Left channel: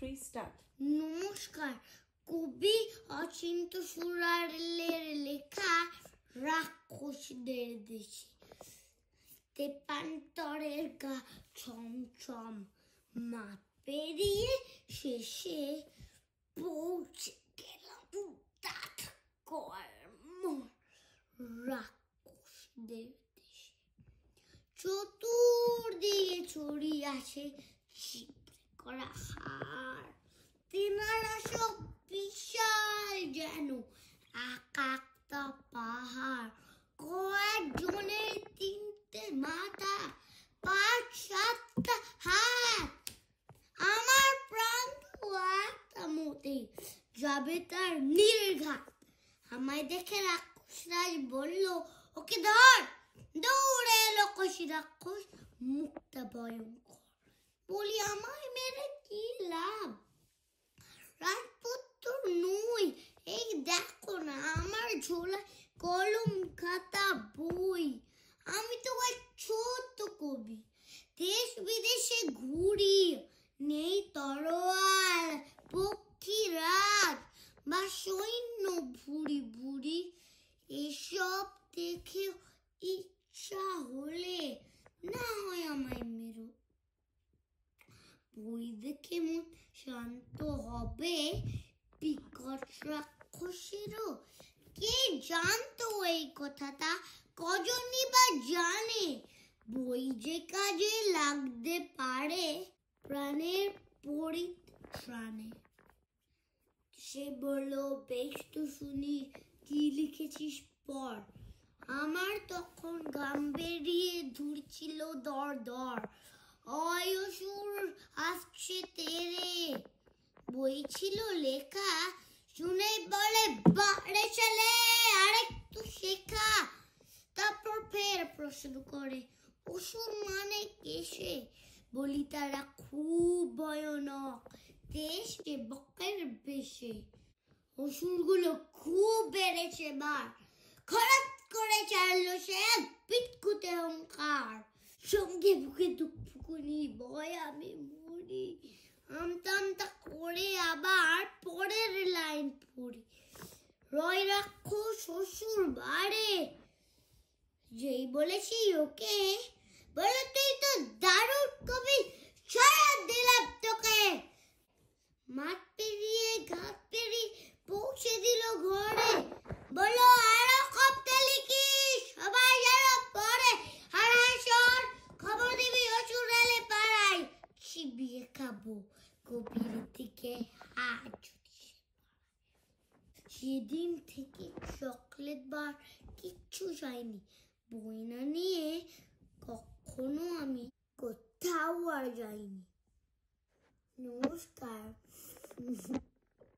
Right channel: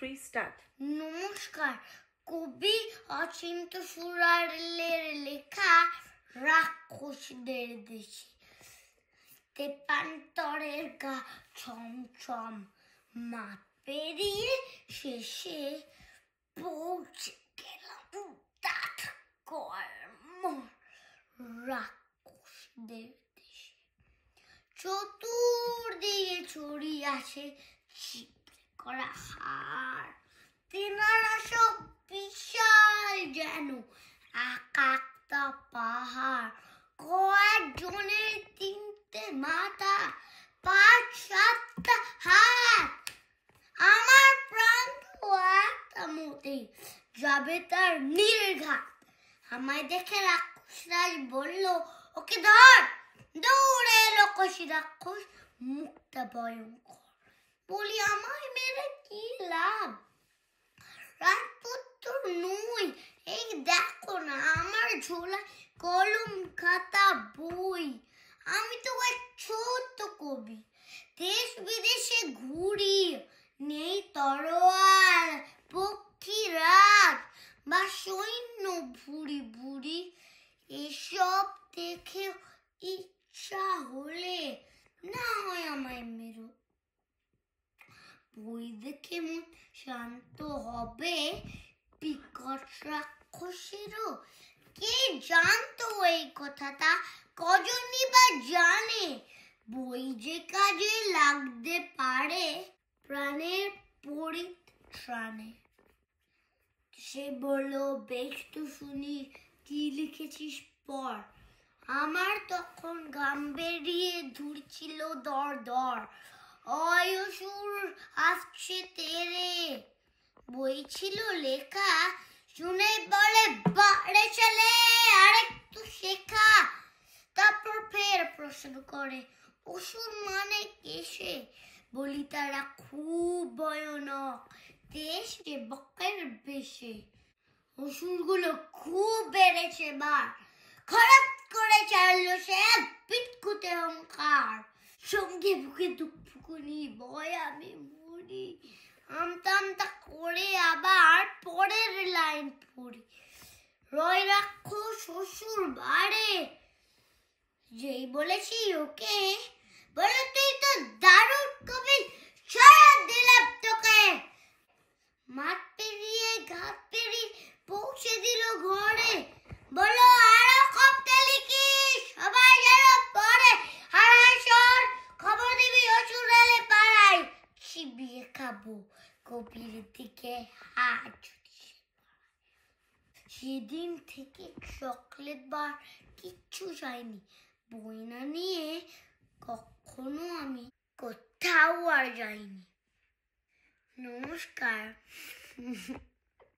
3 start. নমস্কার, কবি অচিন্ত সুরালের লেখা রাক্ষসদের দেশে। তেপান্তরের গা ছমছম, মাঠ পেরিয়ে শেষে পৌঁছে গেলাম দাঁত কর্ম রাক্ষসদের দেশে। চতুর্দিকে ছড়িয়ে আছে ছিপে করা হাড়, তেনারা সব বিশাল যেন একাকটা পাহাড়। কয়েকজনের 3টে মাথা, 5-7টা হাত। আমার প্রাণ তো একটা মতেই যাবে তার নির্ঘাত। আমায় দেখে রাক্ষসরাজ বলল, ওকে ধর। দৌড়ে এলো কষি রাক্ষস, মুখটা ভয়ঙ্কর। বলি, আমায় মেরে কি লাভ? রাজপুত্র নই, এই দেখো না আমার ঝোলায় কলম খাতা বই। আমি তো এক ছোট্ট কবি, দেশ বিদেশে ঘুরি। নেই তরোয়াল, পক্ষীরাজ বা সৈন্য ভুরি ভুরি। এসব দেখে ইচ্ছা হলে না হয় আমায় মেরো। বই দেখে মন শান্ত হবে বিকট রাক্ষসেরও। কে জানতো এই কথাটা, কজনই বা জানে। বই যে কাজে লাগতে পারে প্রাণের পরিত্রাণে। সে বলল, বেশ তো শুনি, কি লিখেছিস পড়। আমার তখন গাম বেরিয়ে ধুরছিল দর দর। অসুর আসছে তেরে। বই ছিল লেখা, শুনে বলে, বাড়ে ছেলে আরেকটু শেখা। তারপর ফের প্রশ্ন করে, অসুর মানে কেসে? বলি, তারা খুব ভয়ানক, দেশে বকের বেশে। অসুরগুলো খুব বেড়েছে বার, খারাপ করে চাইলো সে বিটকুটে অহংকার। সঙ্গে বুকে দুঃখুকুনি, ভয় আমি মরি। আমতা আমতা করে আবার পরের লাইন পড়ি। রয় রাক্ষস অসুর বাড়ে, যেই বলেছি ওকে, বলে, তুই তো দারুণ কবি, ছাড়া দিলাম তোকে। মাঠ পেরিয়ে ঘাট পেরিয়ে পৌঁছে দিল ঘরে। বলো, আরো কবতে লিখিস, সবাই যেন পড়ে। হারাসর খবর দিবি অসুর এলে পাড়ায়। চিবিয়ে খাবো কবির দিকে হাত। সেদিন থেকে চকলেট বা কিচ্ছু চাইনি। বই না নিয়ে কখনো আমি কোথাও আর যাইনি। নমস্কার।